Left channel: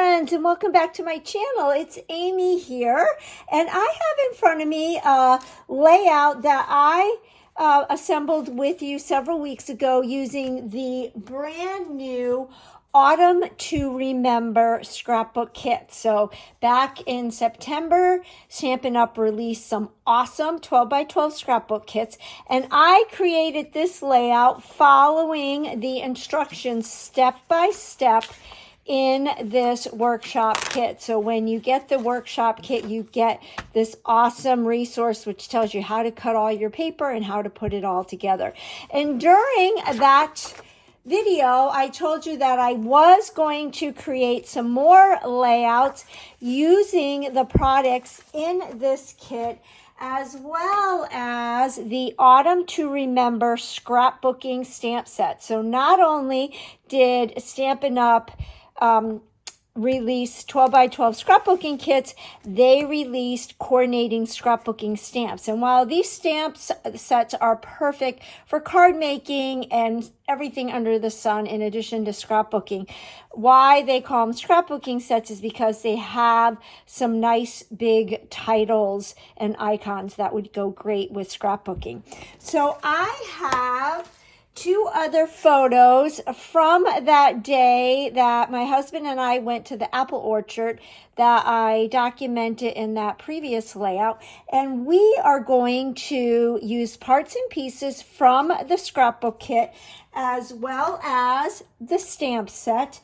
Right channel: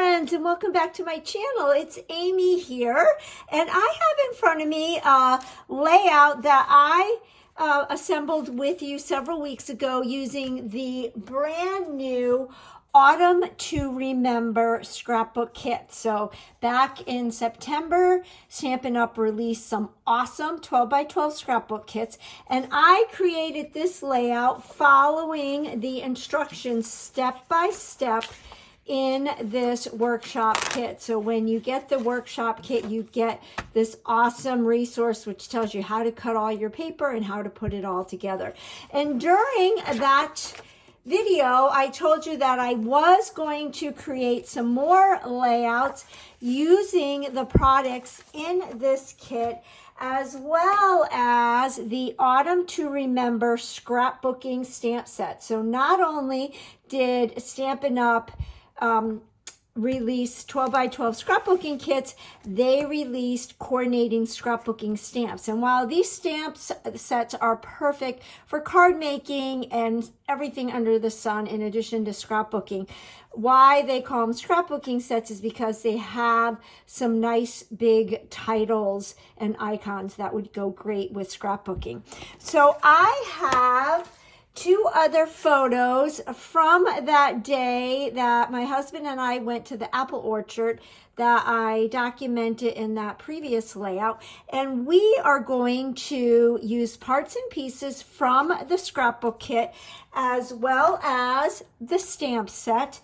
friends, and welcome back to my channel. It's Amy here, and I have in front of me a layout that I assembled with you several weeks ago using the brand new Autumn to Remember scrapbook kit. So back in September, Stampin' Up! Released some awesome 12 by 12 scrapbook kits, and I created this layout following the instructions step by step in this workshop kit. So when you get the workshop kit, you get this awesome resource which tells you how to cut all your paper and how to put it all together. And during that video, I told you that I was going to create some more layouts using the products in this kit, as well as the Autumn to Remember scrapbooking stamp set. So not only did Stampin' Up! Release 12 by 12 scrapbooking kits, they released coordinating scrapbooking stamps. And while these stamp sets are perfect for card making and everything under the sun in addition to scrapbooking, why they call them scrapbooking sets is because they have some nice big titles and icons that would go great with scrapbooking. So I have two other photos from that day that my husband and I went to the apple orchard that I documented in that previous layout. And we are going to use parts and pieces from the scrapbook kit, as well as the stamp set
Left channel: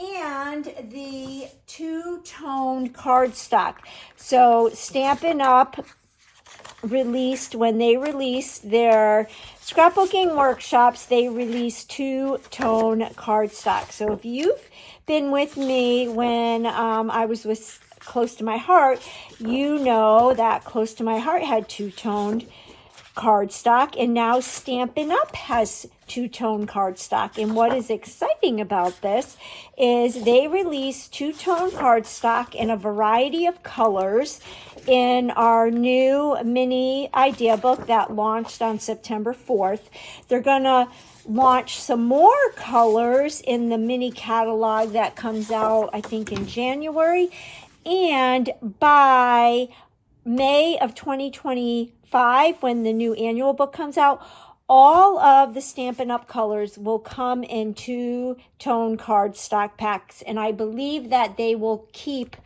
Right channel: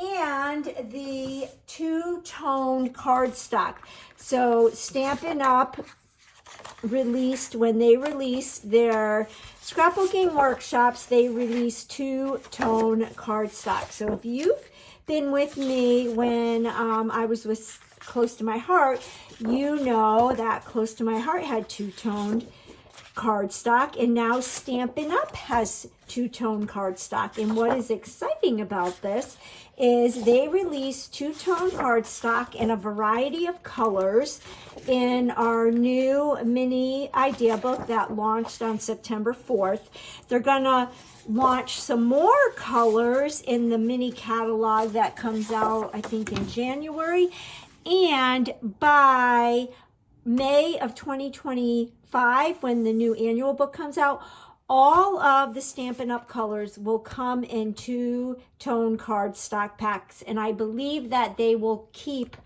and the two-toned cardstock. So Stampin' Up! Released, when they released their scrapbooking workshops, they released two-tone cardstock. So if you've been with me when I was with Close to My Heart, you know that Close to My Heart had two-toned cardstock, and now Stampin' Up! Has two-tone cardstock. And what is exciting about this is they released two-tone cardstock in a variety of colors in our new mini idea book that launched on September 4th. They're gonna launch some more colors in the mini catalog that comes out, I think, in January. And by May of 2025, when the new annual book comes out, all of the Stampin' Up! Colors will come in two-tone cardstock packs, and I believe that they will keep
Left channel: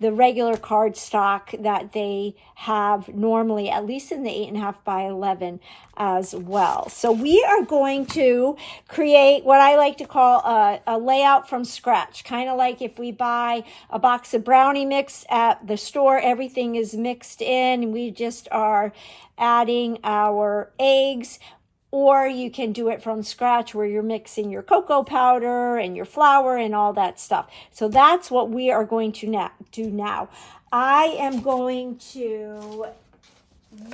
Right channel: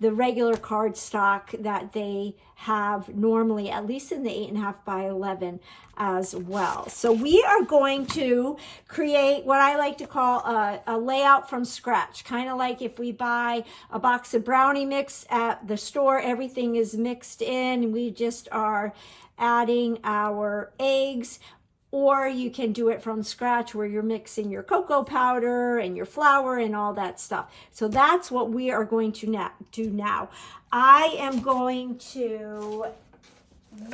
the regular cardstock that they have normally, at least in the 8.5 by 11 as well. So we are going to create what I like to call a layout from scratch, kind of like if we buy a box of brownie mix at the store, everything is mixed in, and we just are adding our eggs. Or you can do it from scratch where you're mixing your cocoa powder and your flour and all that stuff. So that's what we are going to do now. I am going to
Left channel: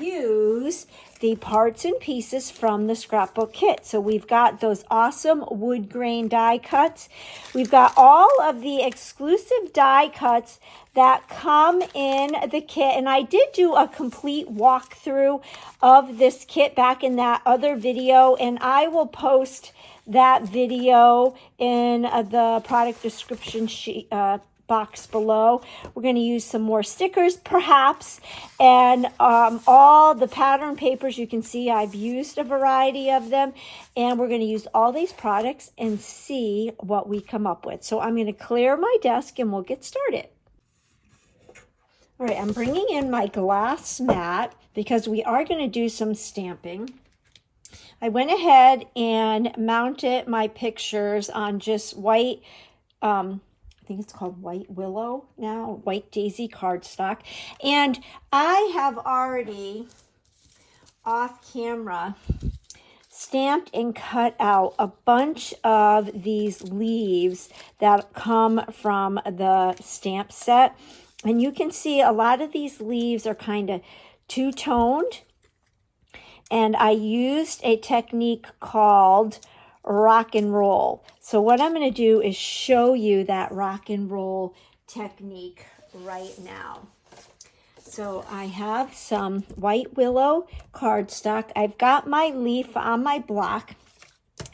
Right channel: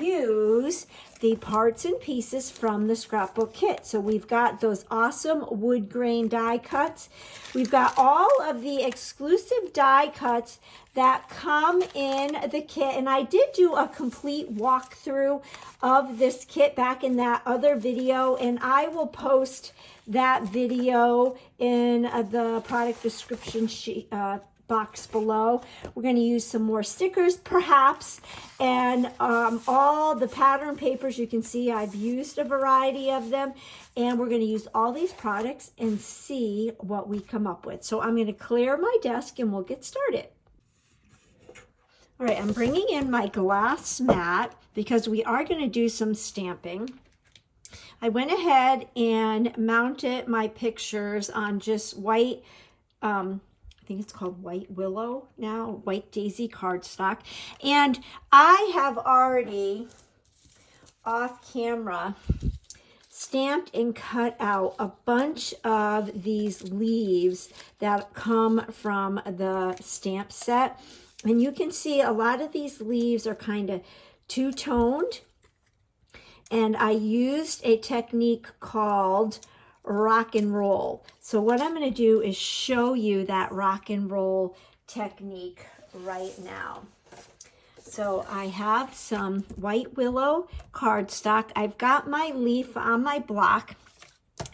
use the parts and pieces from the scrapbook kit. So we've got those awesome wood grain die cuts. We've got all of the exclusive die cuts that come in the kit, and I did do a complete walkthrough of this kit back in that other video, and I will post that video in the product description sheet box below. We're going to use some more stickers perhaps, and all the pattern papers. You can see I've used a variety of them, and we're going to use all these products and see what we come up with. So I'm going to clear my desk and we'll get started. All right, I'm bringing in my glass mat because we are going to do some stamping. I went ahead and mounted my pictures on just white, I think it's called white willow now, white daisy cardstock. And I have already, off camera, stamped and cut out a bunch of these leaves that come from the stamp set. And you can see a lot of these leaves are kind of two-toned. And I used a technique called rock and roll. So what I'm going to do is show you that rock and roll technique right now. So I have some white willow cardstock. I've got my leaf on my block.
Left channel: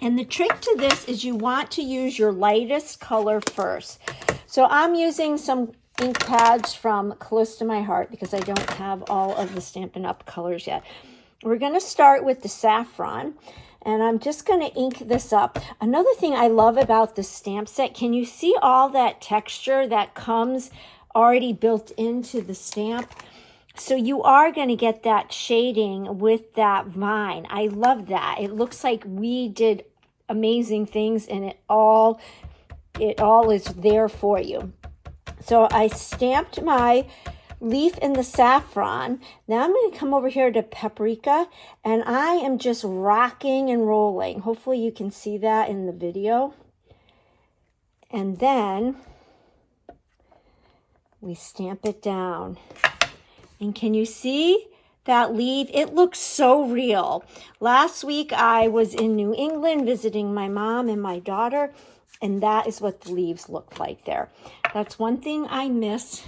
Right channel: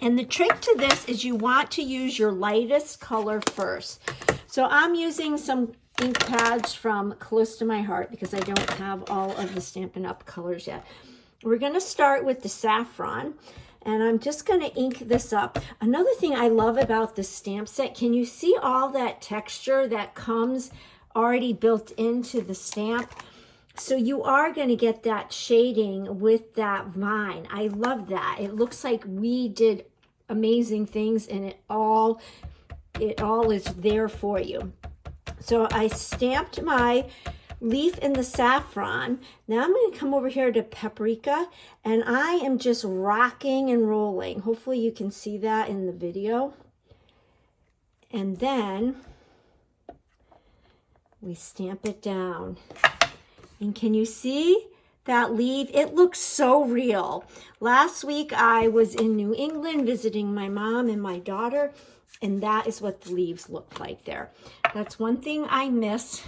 And the trick to this is you want to use your lightest color first. So I'm using some ink pads from Close to My Heart because I don't have all of the Stampin' Up! Colors yet. We're going to start with the saffron, and I'm just going to ink this up. Another thing I love about the stamp set, can you see all that texture that comes already built into the stamp? So you are going to get that shading with that vine. I love that. It looks like we did amazing things, and it all is there for you. So I stamped my leaf in the saffron. Now I'm going to come over here to paprika, and I am just rocking and rolling. Hopefully you can see that in the video. And then we stamp it down. And can you see that leaf? It looks so real. Last week I was in New England visiting my mom and my daughter, and that is what the leaves look like there. That's one thing I miss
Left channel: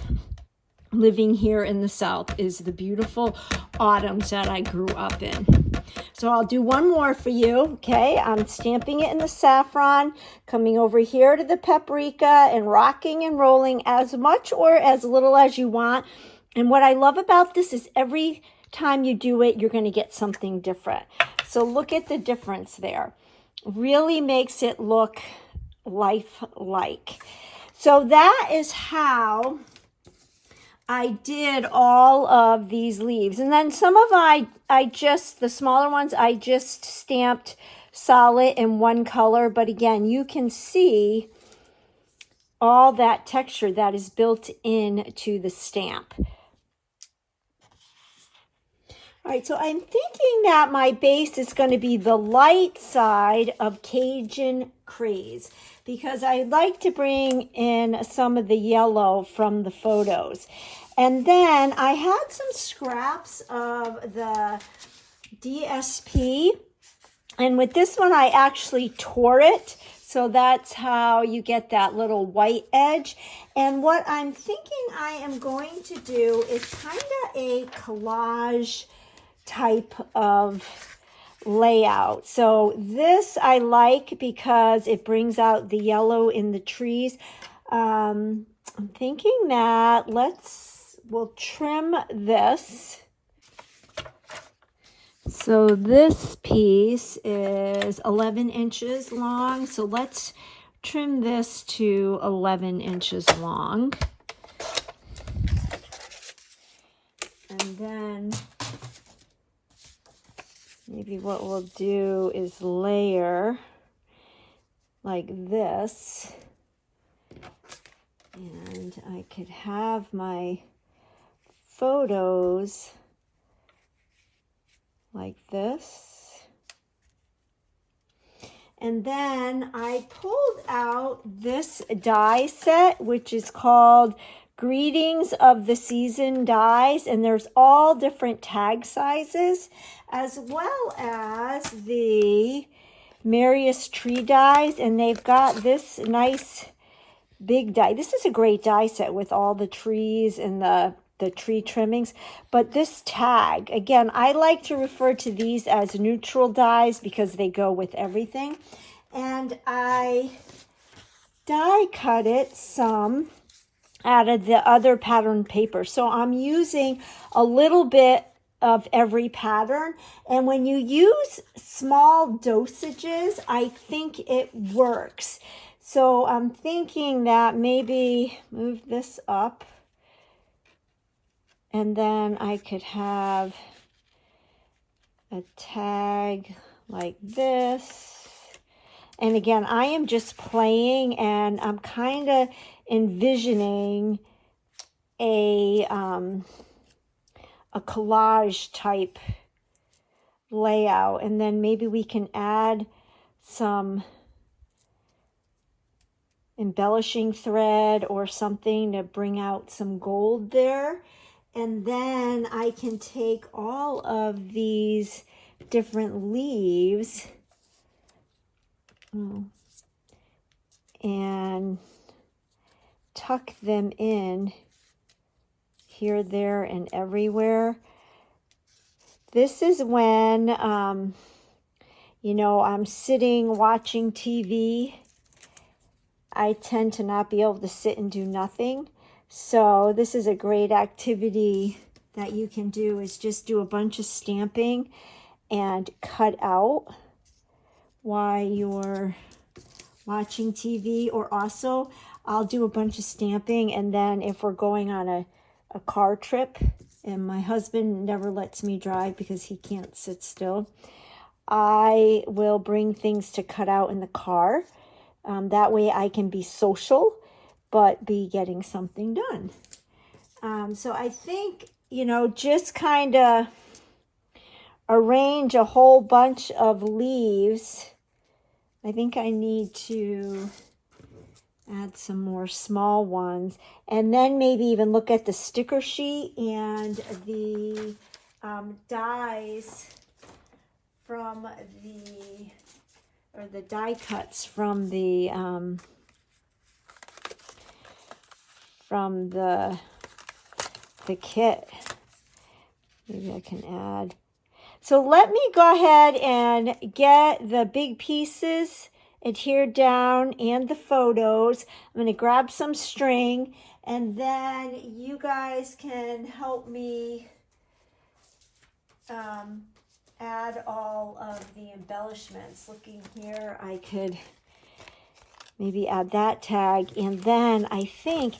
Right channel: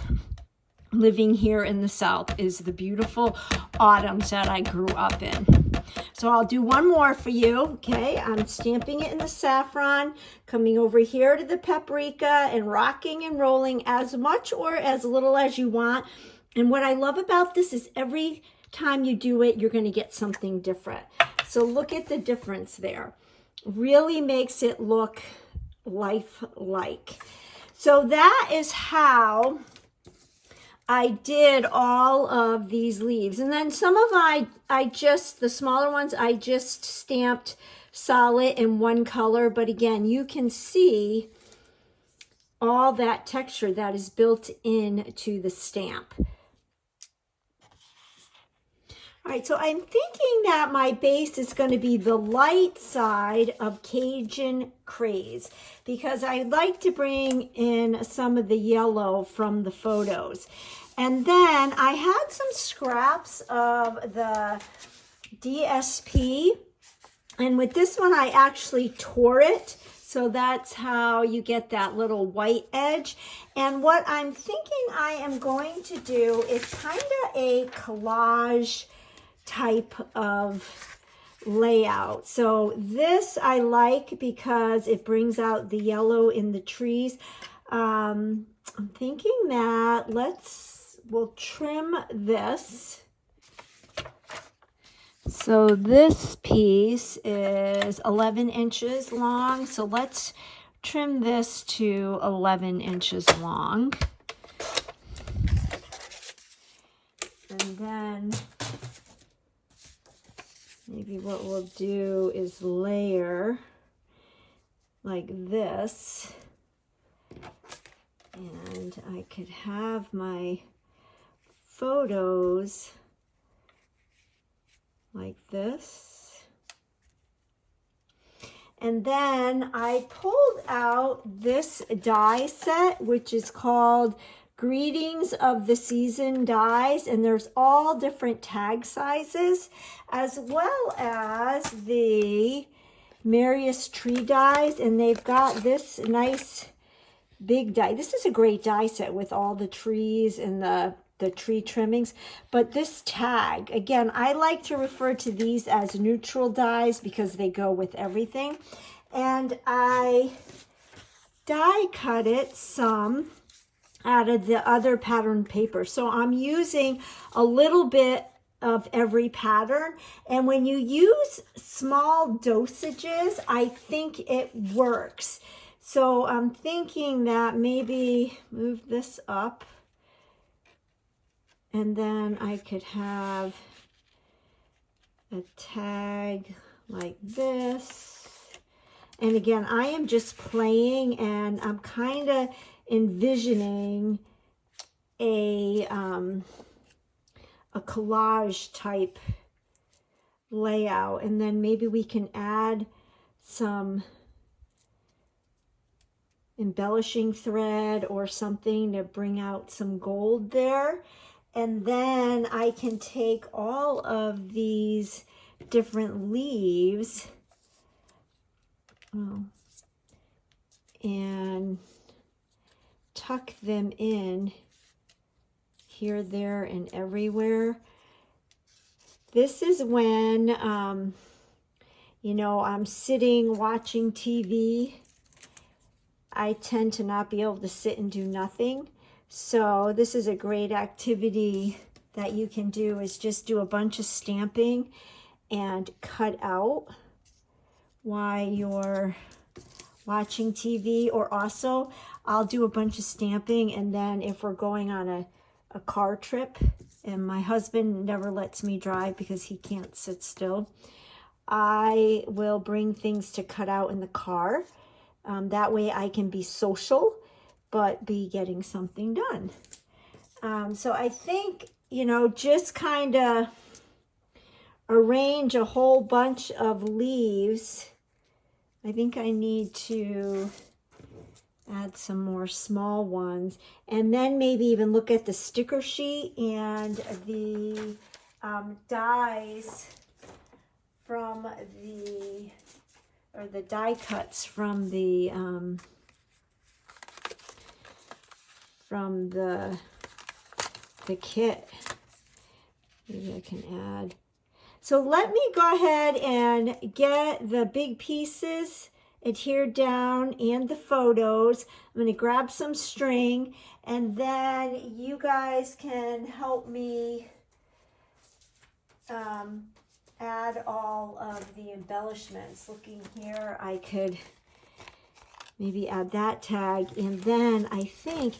living here in the South, is the beautiful autumns that I grew up in. So I'll do one more for you, okay? I'm stamping it in the saffron, coming over here to the paprika, and rocking and rolling as much or as little as you want. And what I love about this is every time you do it, you're going to get something different. So look at the difference there. Really makes it look lifelike. So that is how I did all of these leaves. And then some of the smaller ones, I just stamped solid in one color. But again, you can see all that texture that is built into the stamp. All right, so I'm thinking that my base is going to be the light side of Cajun Craze, because I like to bring in some of the yellow from the photos. And then I had some scraps of the DSP, and with this one I actually tore it. So that's how you get that little white edge. And what I'm thinking I am going to do is kind of a collage type of layout. So this I like because it brings out the yellow in the trees. I'm thinking that we'll trim this. So this piece is 11 inches long. So let's trim this to 11 inches long. And then maybe what we'll do is layer like this. And I could have my photos like this. And then I pulled out this die set, which is called Greetings of the Season dies, and there's all different tag sizes, as well as the Merriest Tree dies, and they've got this nice big die. This is a great die set with all the trees and the tree trimmings. But this tag, again, I like to refer to these as neutral dies because they go with everything. And I die cut it some out of the other pattern paper. So I'm using a little bit of every pattern. And when you use small dosages, I think it works. So I'm thinking that maybe move this up, and then I could have a tag like this. And again, I am just playing, and I'm kind of envisioning a collage type layout. And then maybe we can add some embellishing thread or something to bring out some gold there. And then I can take all of these different leaves and tuck them in here, there, and everywhere. This is when, you know, I'm sitting watching TV I tend to not be able to sit and do nothing. So this is a great activity that you can do, is just do a bunch of stamping and cut out while you're watching TV. Or also, I'll do a bunch of stamping, and then if we're going on a car trip, and my husband never lets me drive because he can't sit still, I will bring things to cut out in the car. That way I can be social, but be getting something done. So I think, you know, just kind of arrange a whole bunch of leaves. I think I need to add some more small ones, and then maybe even look at the sticker sheet and the dies from the die cuts from the kit. Maybe I can add. So let me go ahead and get the big pieces adhered down and the photos. I'm going to grab some string, and then you guys can help me add all of the embellishments. Looking here, I could maybe add that tag, and then I think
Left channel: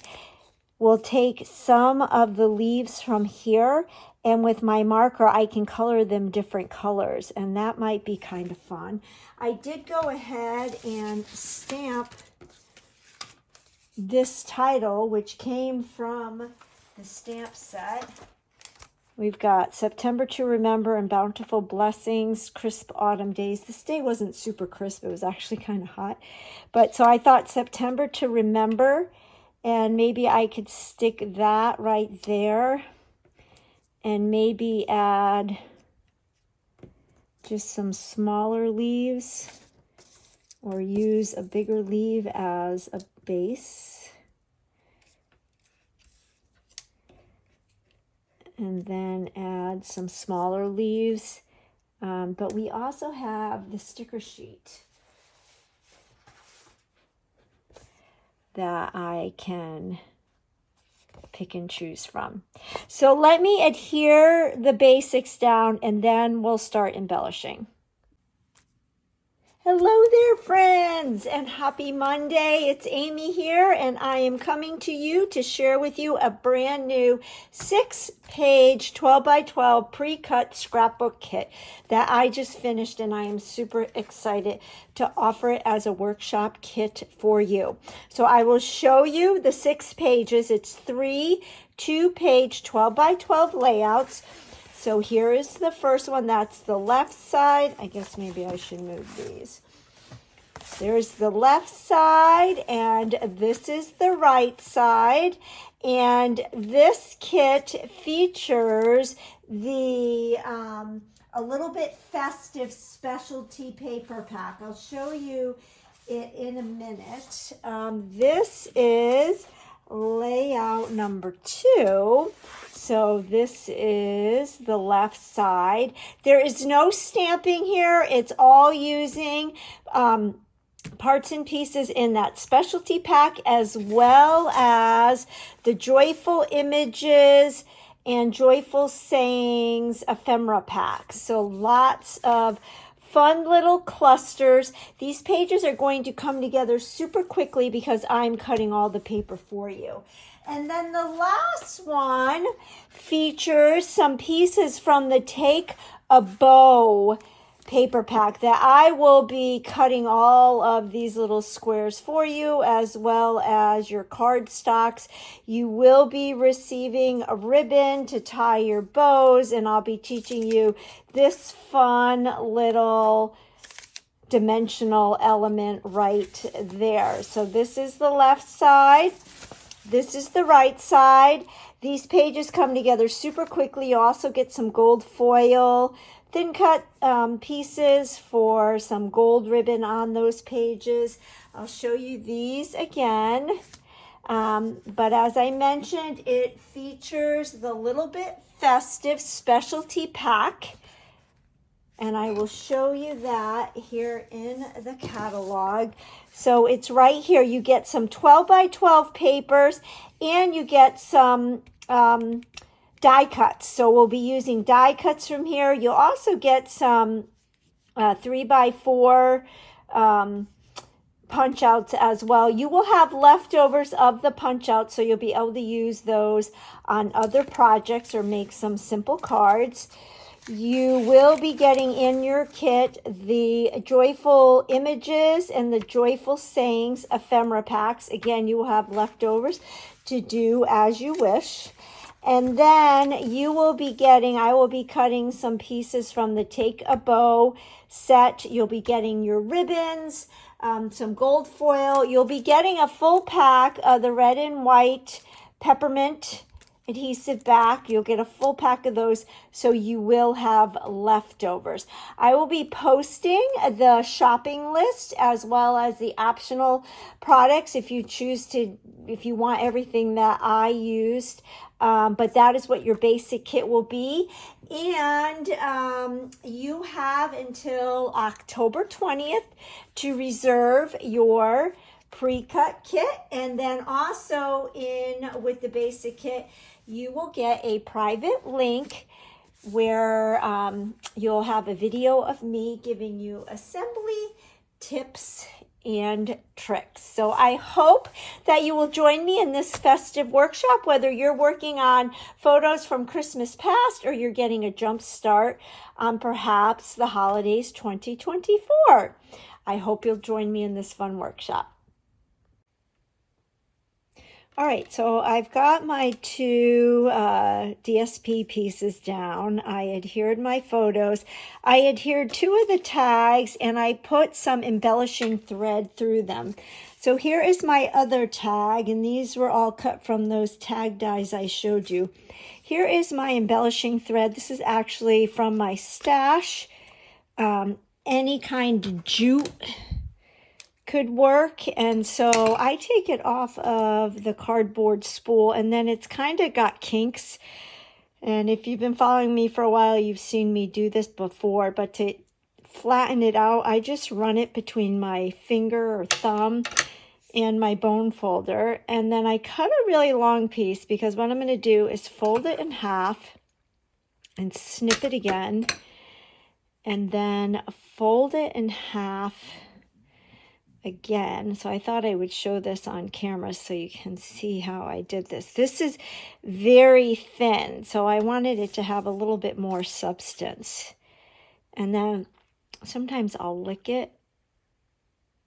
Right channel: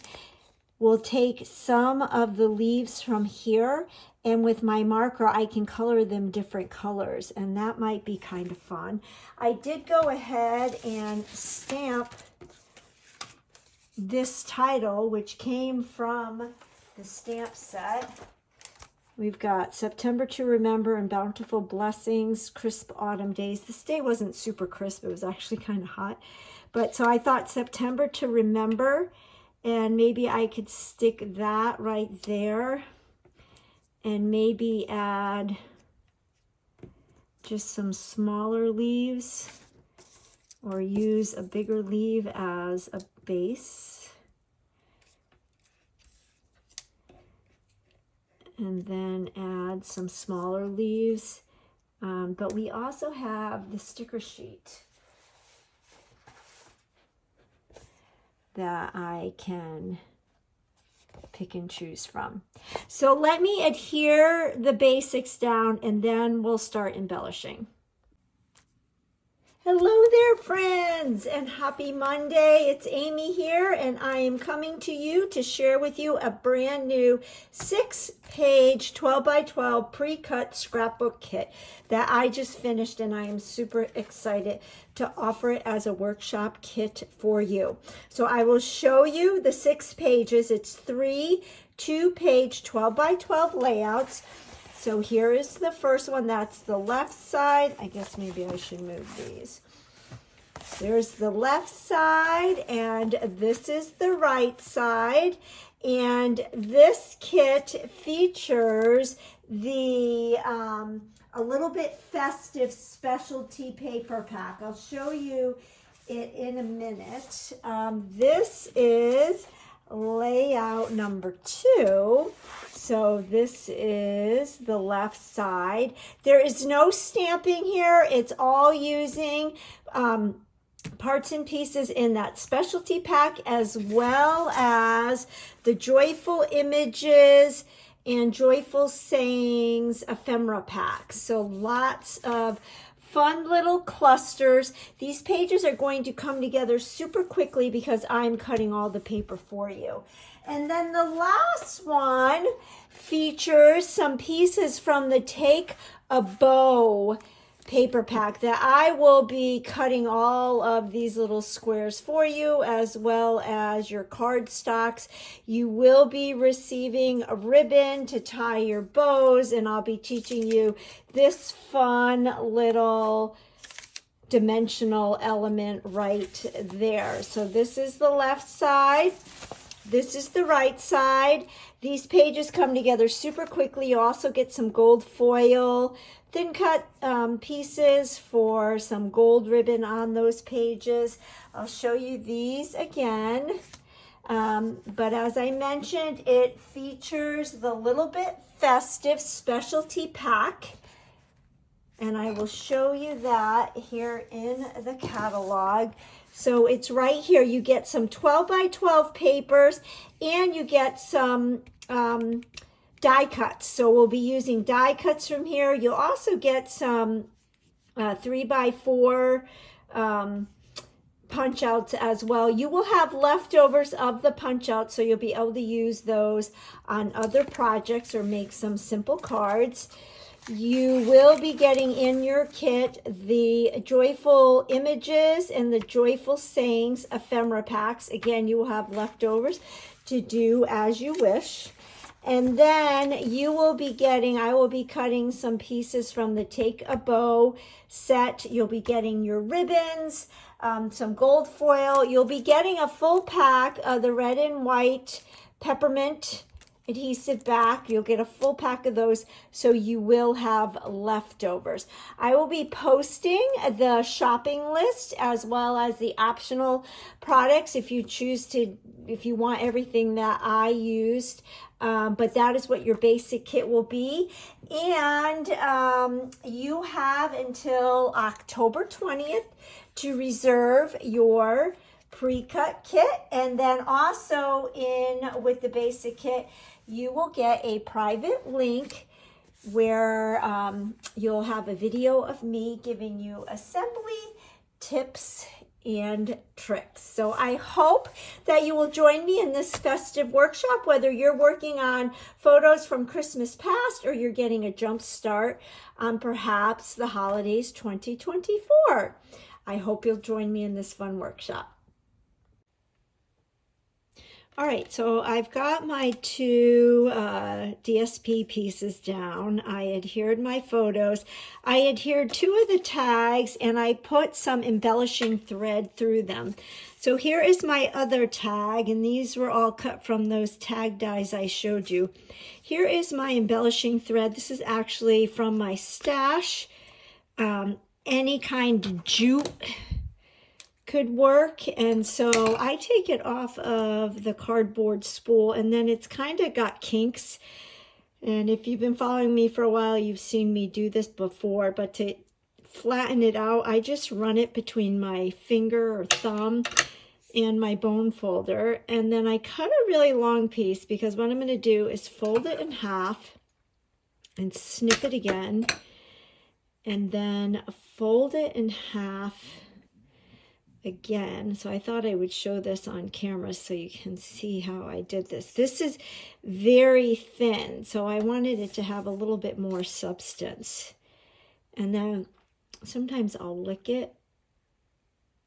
we'll take some of the leaves from here, and with my marker I can color them different colors, and that might be kind of fun. I did go ahead and stamp this title, which came from the stamp set. We've got September to Remember and Bountiful Blessings, Crisp Autumn Days. This day wasn't super crisp. It was actually kind of hot. But so I thought September to Remember, and maybe I could stick that right there, and maybe add just some smaller leaves, or use a bigger leaf as a base. And then add some smaller leaves. But we also have the sticker sheet that I can pick and choose from. So let me adhere the basics down, and then we'll start embellishing. Hello there, friends, and happy Monday. It's Amy here, and I am coming to you to share with you a brand new 6-page 12 by 12 pre-cut scrapbook kit that I just finished, and I am super excited to offer it as a workshop kit for you. So I will show you the 6 pages. It's 3 2-page 12 by 12 layouts. So here is the first one. That's the left side. I guess maybe I should move these. There's the left side, and this is the right side. And this kit features the a little bit festive specialty paper pack. I'll show you it in a minute. This is layout number 2. So this is the left side. There is no stamping here. It's all using parts and pieces in that specialty pack, as well as the Joyful Images and Joyful Sayings ephemera pack. So lots of fun little clusters. These pages are going to come together super quickly because I'm cutting all the paper for you. And then the last one features some pieces from the Take a Bow paper pack that I will be cutting all of these little squares for you, as well as your card stocks. You will be receiving a ribbon to tie your bows, and I'll be teaching you this fun little dimensional element right there. So this is the left side. This is the right side. These pages come together super quickly. You also get some gold foil, thin cut pieces for some gold ribbon on those pages. I'll show you these again. But as I mentioned, it features the little bit festive specialty pack And I will show you that here in the catalog. So it's right here. You get some 12 by 12 papers, and you get some die cuts. So we'll be using die cuts from here. You'll also get some 3 by 4 punch outs as well. You will have leftovers of the punch outs, so you'll be able to use those on other projects or make some simple cards. You will be getting in your kit the Joyful Images and the Joyful Sayings ephemera packs. Again, you will have leftovers to do as you wish. And then you will be getting, I will be cutting some pieces from the Take a Bow set. You'll be getting your ribbons, some gold foil. You'll be getting a full pack of the red and white peppermint adhesive back. You'll get a full pack of those, so you will have leftovers. I will be posting the shopping list as well as the optional products if you choose to, if you want everything that I used. But that is what your basic kit will be. And you have until October 20th to reserve your pre-cut kit. And then also with the basic kit, you will get a private link where you'll have a video of me giving you assembly tips and tricks. So I hope that you will join me in this festive workshop, whether you're working on photos from Christmas past or you're getting a jump start on perhaps the holidays 2024. I hope you'll join me in this fun workshop. All right, so I've got my 2 DSP pieces down. I adhered my photos. I adhered 2 of the tags, and I put some embellishing thread through them. So here is my other tag, and these were all cut from those tag dies I showed you. Here is my embellishing thread. This is actually from my stash. Any kind of jute could work, and so I take it off of the cardboard spool, and then it's kind of got kinks. And if you've been following me for a while, you've seen me do this before, but to flatten it out, I just run it between my finger or thumb and my bone folder, and then I cut a really long piece, because what I'm going to do is fold it in half and snip it again, and then fold it in half again. So I thought I would show this on camera so you can see how I did this. This is very thin, so I wanted it to have a little bit more substance. And then sometimes I'll lick it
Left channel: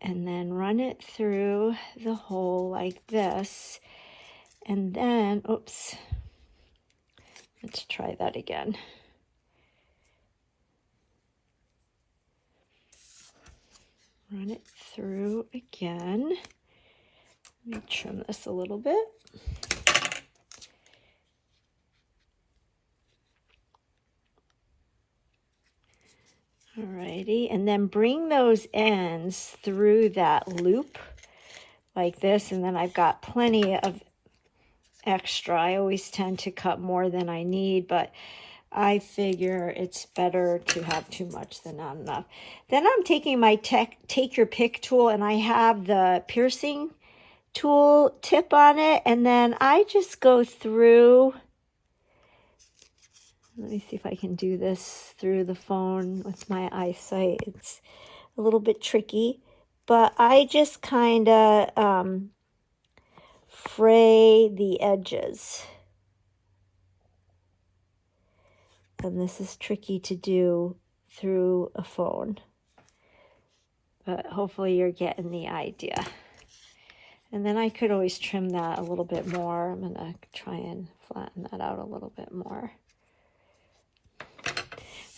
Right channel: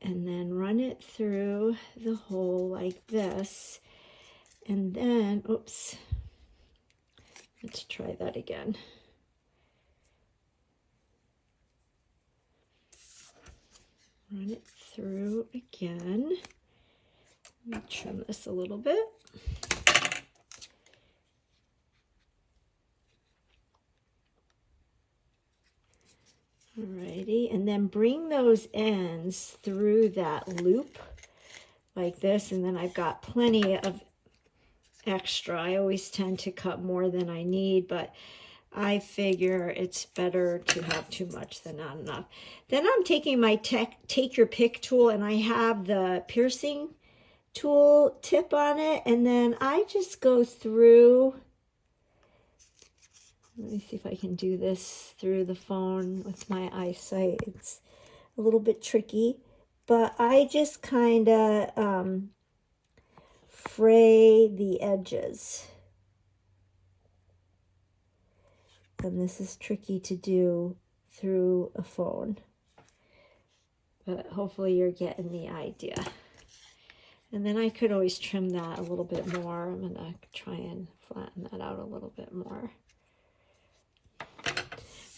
and then run it through the hole like this. And then, oops, let's try that again. Run it through again. Let me trim this a little bit. Alrighty, and then bring those ends through that loop like this, and then I've got plenty of extra. I always tend to cut more than I need, but I figure it's better to have too much than not enough. Then I'm taking my Take Your Pick tool, and I have the piercing tool tip on it, and then I just go through. Let me see if I can do this through the phone with my eyesight. It's a little bit tricky, but I just kind of fray the edges. And this is tricky to do through a phone, but hopefully you're getting the idea. And then I could always trim that a little bit more. I'm going to try and flatten that out a little bit more.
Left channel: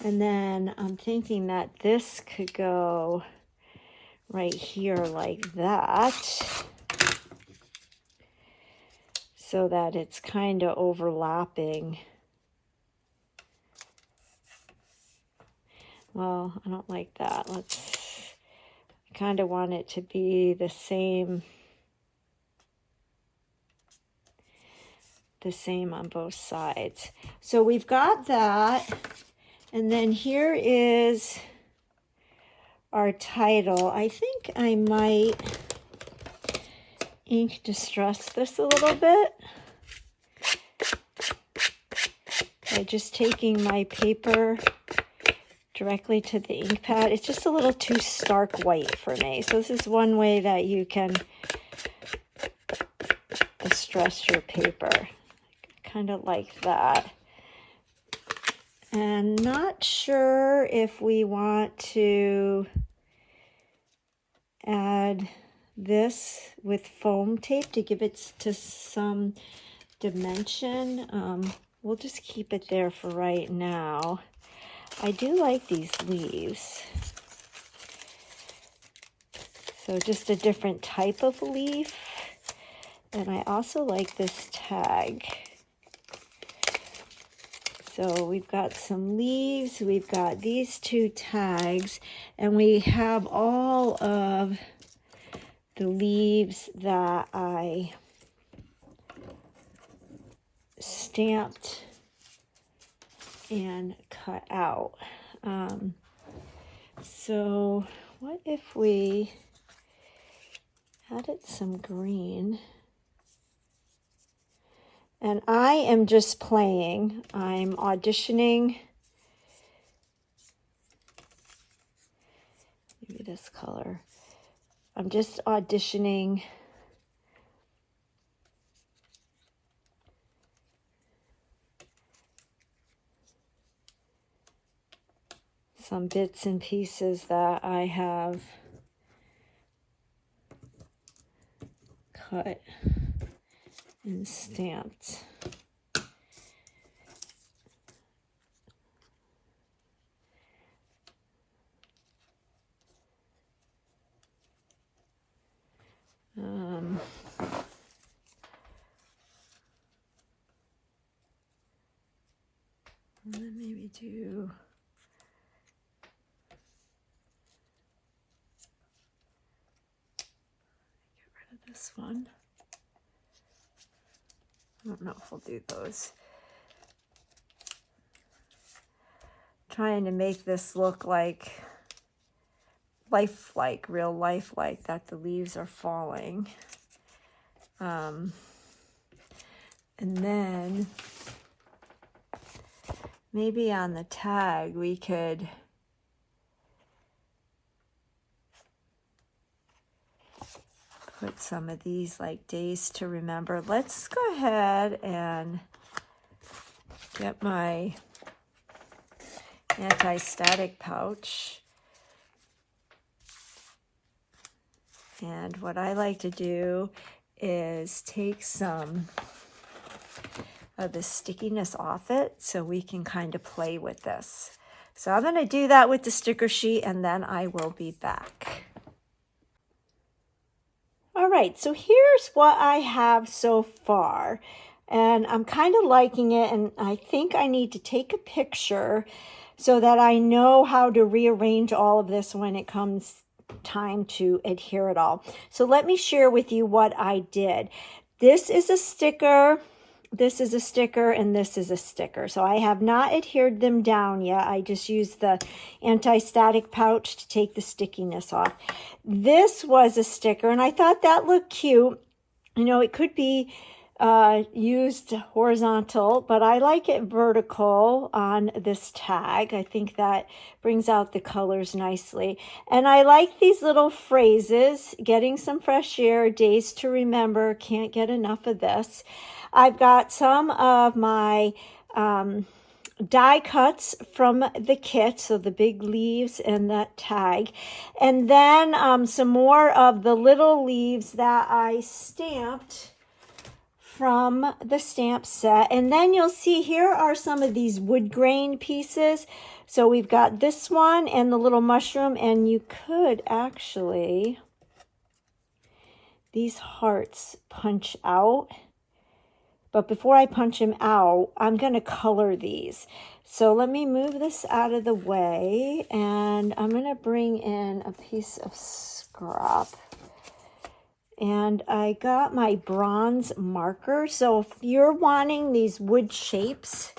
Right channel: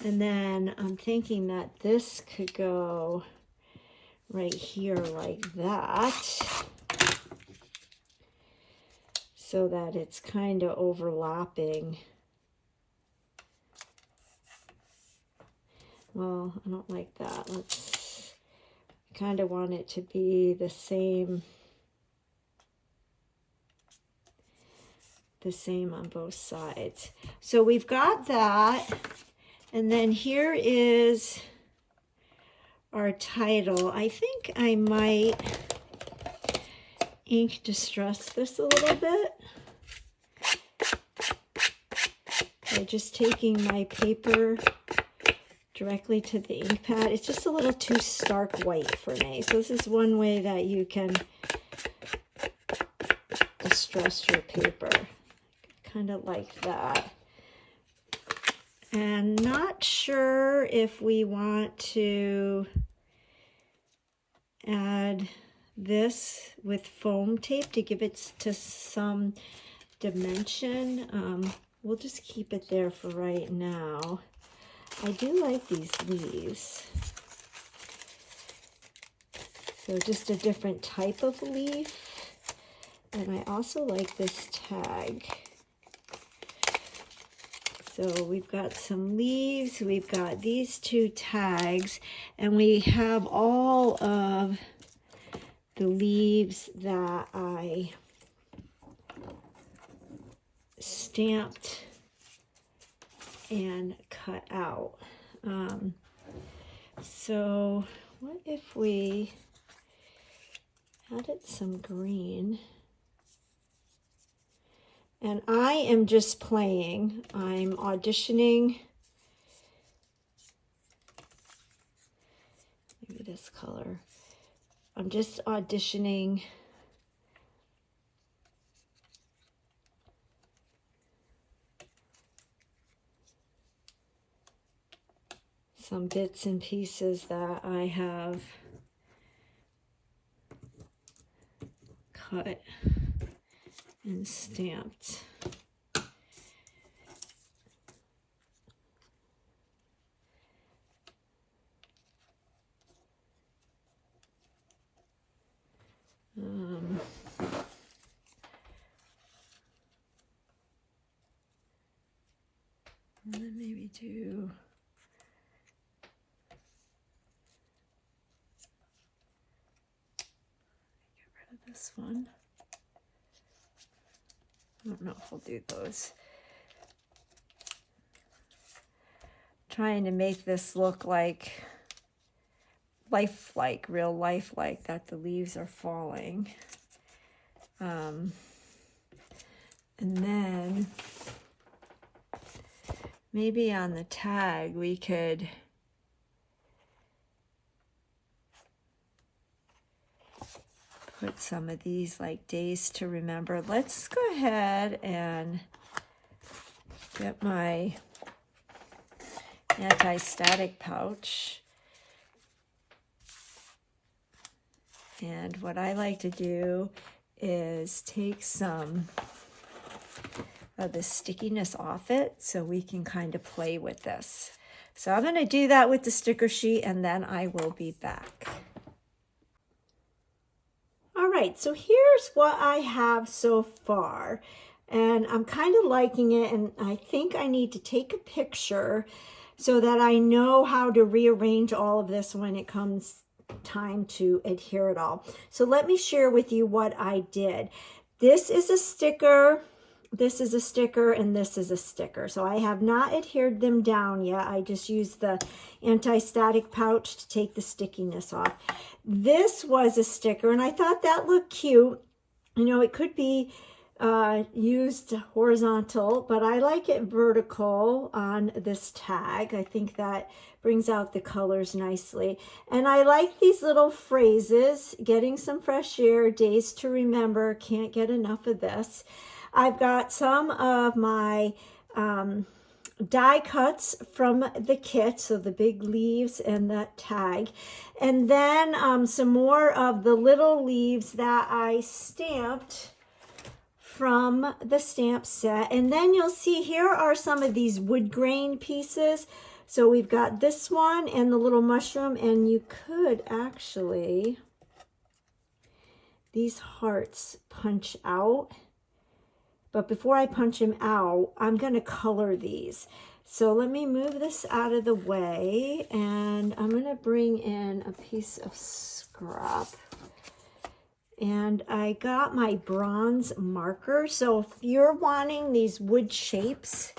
And then I'm thinking that this could go right here like that, so that it's kind of overlapping. Well, I don't like that. Let's kind of want it to be the same on both sides. So we've got that. And then here is our title. I think I might ink distress this a little bit by just taking my paper directly to the ink pad. It's just a little too stark white for me. So this is one way that you can distress your paper, kind of like that. And not sure if we want to add this with foam tape to give it to some dimension. We'll just keep it there for right now. I do like these leaves. So just a different type of leaf. And I also like this tag. So we've got some leaves, we've got these two tags, and we have all of the leaves that I stamped and cut out. So what if we added some green? And I am just playing. I'm auditioning. Maybe this color. I'm just auditioning some bits and pieces that I have cut and stamped. And then maybe do get rid of this one. I don't know if we'll do those. Trying to make this look like lifelike, real lifelike, that the leaves are falling. And then maybe on the tag we could put some of these like days to remember. Let's go ahead and get my anti-static pouch. And what I like to do is take some of the stickiness off it so we can kind of play with this. So I'm going to do that with the sticker sheet and then I will be back. All right, so here's what I have so far. And I'm kind of liking it, and I think I need to take a picture so that I know how to rearrange all of this when it comes time to adhere it all. So let me share with you what I did. This is a sticker, this is a sticker, and this is a sticker. So I have not adhered them down yet. I just used the anti-static pouch to take the stickiness off. This was a sticker, and I thought that looked cute. You know, it could be used horizontal, but I like it vertical on this tag. I think that brings out the colors nicely. And I like these little phrases: getting some fresh air, days to remember, can't get enough of this. I've got some of my die cuts from the kit, so the big leaves and that tag, and then some more of the little leaves that I stamped from the stamp set. And then you'll see here are some of these wood grain pieces. So we've got this one and the little mushroom, and you could actually, these hearts punch out. But before I punch them out, I'm going to color these. So let me move this out of the way, and I'm going to bring in a piece of scrap. And I got my bronze marker. So if you're wanting these wood shapes,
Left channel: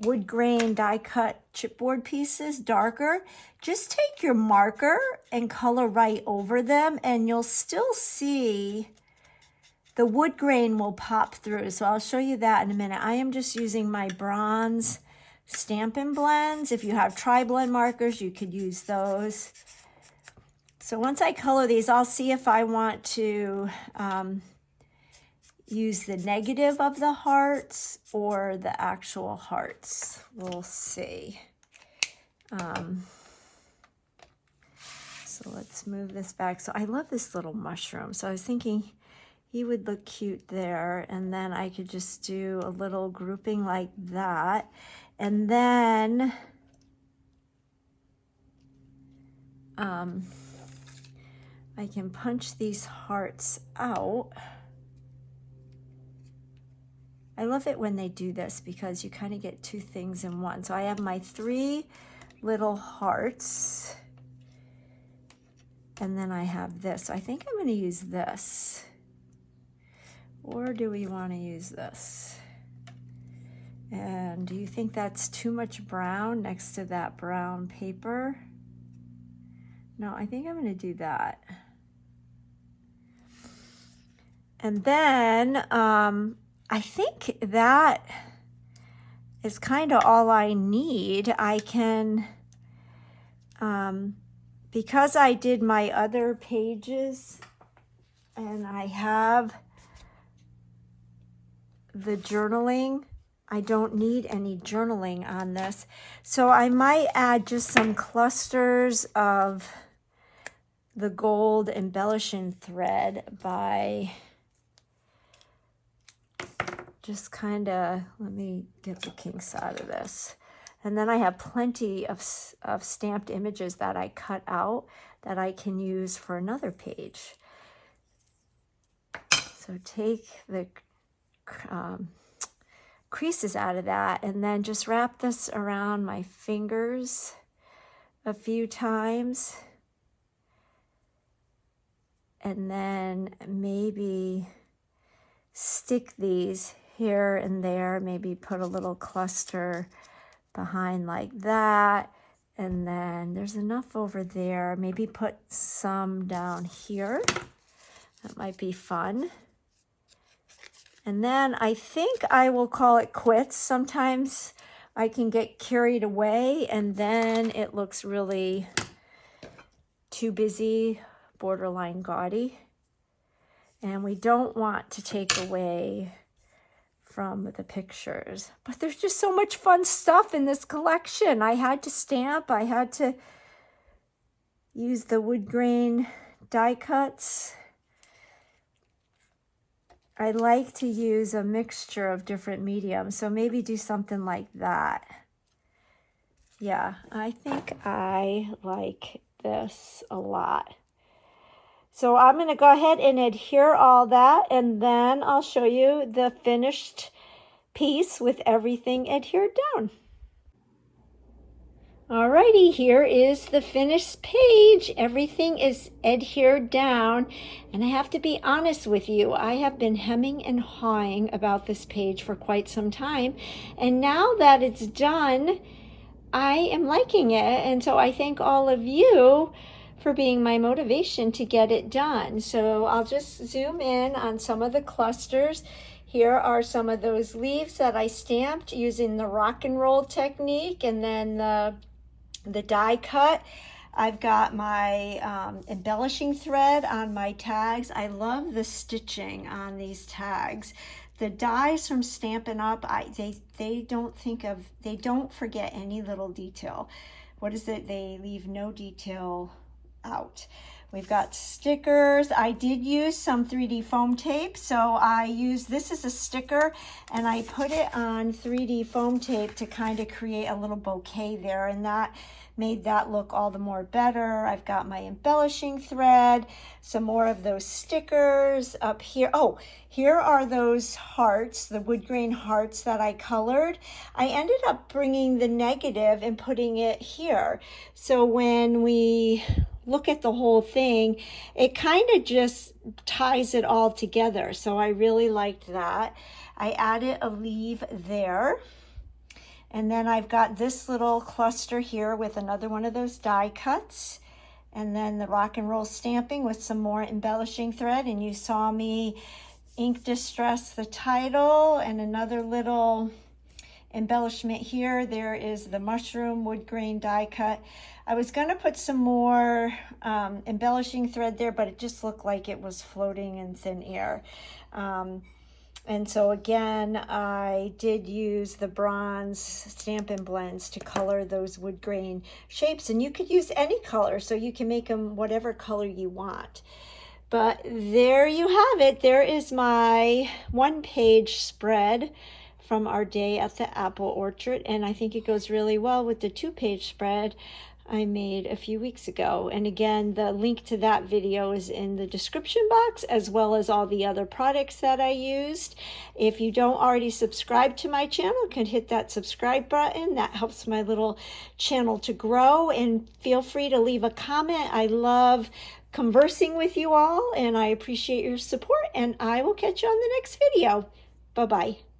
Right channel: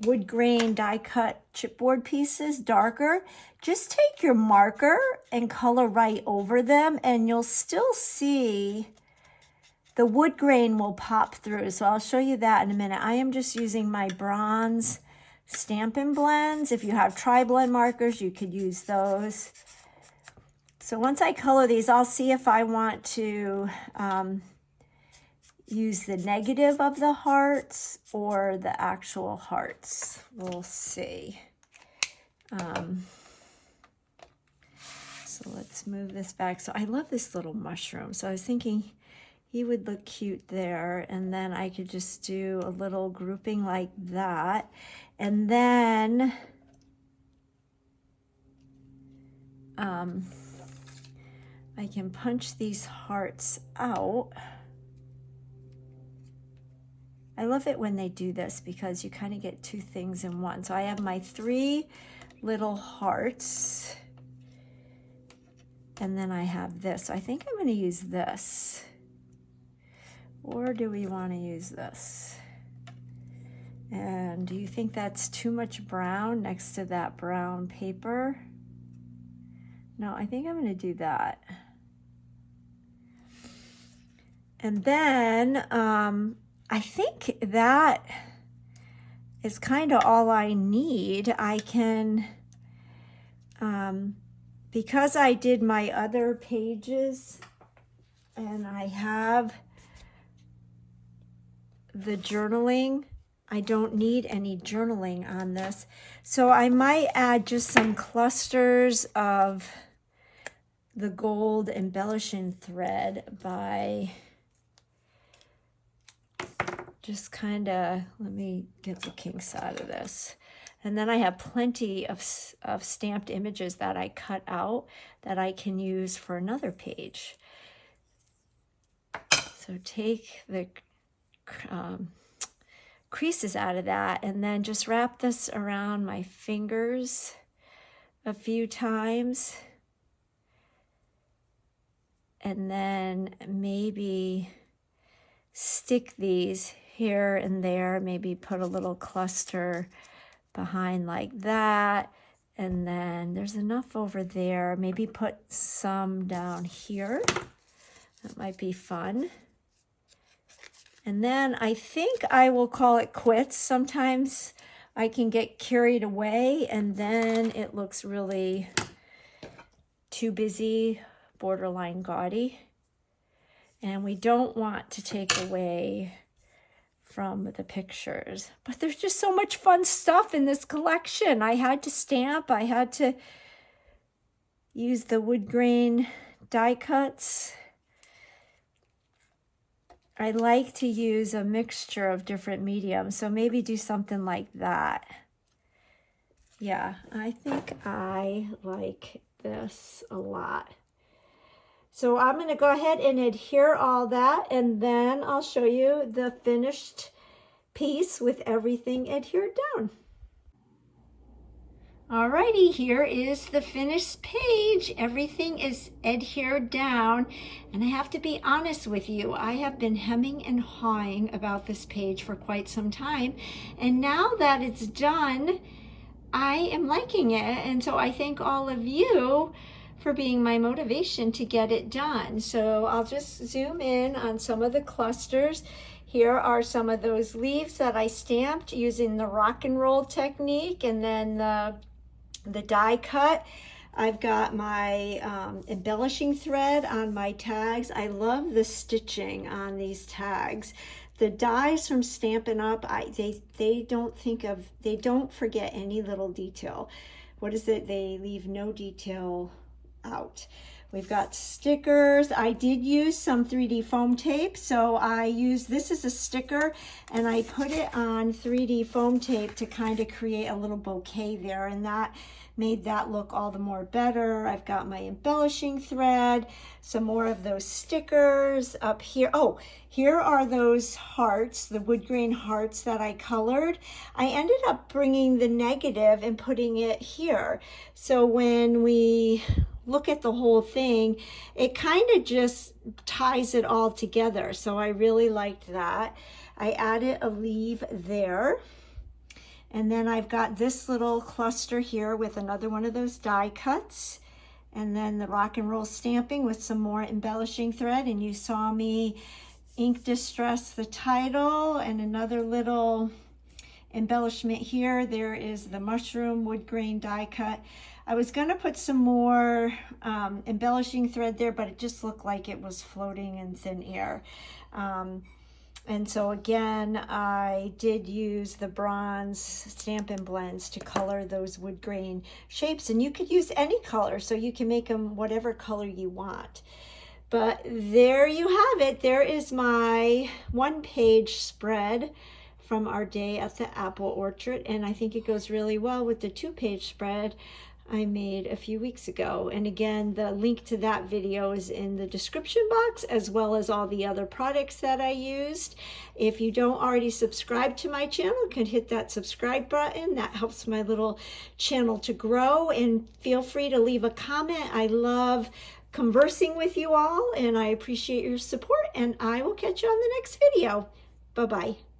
wood grain die cut chipboard pieces darker, just take your marker and color right over them, and you'll still see the wood grain will pop through. So I'll show you that in a minute. I am just using my bronze Stampin' Blends. If you have tri-blend markers, you could use those. So once I color these, I'll see if I want to use the negative of the hearts or the actual hearts. We'll see. So let's move this back. So I love this little mushroom. So I was thinking he would look cute there, and then I could just do a little grouping like that. And then I can punch these hearts out. I love it when they do this because you kind of get two things in one. So I have my 3 little hearts, and then I have this. So I think I'm going to use this. Or do we want to use this? And do you think that's too much brown next to that brown paper? No, I think I'm going to do that. And then I think that is kind of all I need. I can, because I did my other pages and I have the journaling, I don't need any journaling on this. So I might add just some clusters of the gold embellishing thread by just kind of, let me get the kinks out of this. And then I have plenty of stamped images that I cut out that I can use for another page. So take the creases out of that, and then just wrap this around my fingers a few times, and then maybe stick these here and there, maybe put a little cluster behind like that, and then there's enough over there, maybe put some down here. That might be fun. And then I think I will call it quits. Sometimes I can get carried away and then it looks really too busy, borderline gaudy. And we don't want to take away from the pictures. But there's just so much fun stuff in this collection. I had to stamp. I had to use the wood grain die cuts. I like to use a mixture of different mediums, so maybe do something like that. Yeah, I think I like this a lot. So I'm going to go ahead and adhere all that, and then I'll show you the finished piece with everything adhered down. Alrighty, here is the finished page. Everything is adhered down, and I have to be honest with you, I have been hemming and hawing about this page for quite some time, and now that it's done, I am liking it, and so I thank all of you for being my motivation to get it done. So I'll just zoom in on some of the clusters. Here are some of those leaves that I stamped using the rock and roll technique, and then the die cut. I've got my embellishing thread on my tags. I love the stitching on these tags. The dies from Stampin' Up, they don't forget any little detail. What is it? They leave no detail out. We've got stickers. I did use some 3D foam tape, so I used, this is a sticker, and I put it on 3D foam tape to kind of create a little bouquet there, and that made that look all the more better. I've got my embellishing thread, some more of those stickers up here. Oh, here are those hearts, the wood grain hearts that I colored. I ended up bringing the negative and putting it here. So when we look at the whole thing, it kind of just ties it all together. So I really liked that. I added a leaf there. And then I've got this little cluster here with another one of those die cuts. And then the rock and roll stamping with some more embellishing thread. And you saw me ink distress the title, and another little embellishment here. There is the mushroom wood grain die cut. I was going to put some more embellishing thread there, but it just looked like it was floating in thin air. And so again, I did use the bronze Stampin' Blends to color those wood grain shapes. And you could use any color, so you can make them whatever color you want. But there you have it. There is my one-page spread from our day at the apple orchard. And I think it goes really well with the two-page spread I made a few weeks ago. And again, the link to that video is in the description box, as well as all the other products that I used. If you don't already subscribe to my channel, you can hit that subscribe button. That helps my little channel to grow. And feel free to leave a comment. I love conversing with you all, and I appreciate your support. And I will catch you on the next video. Bye-bye.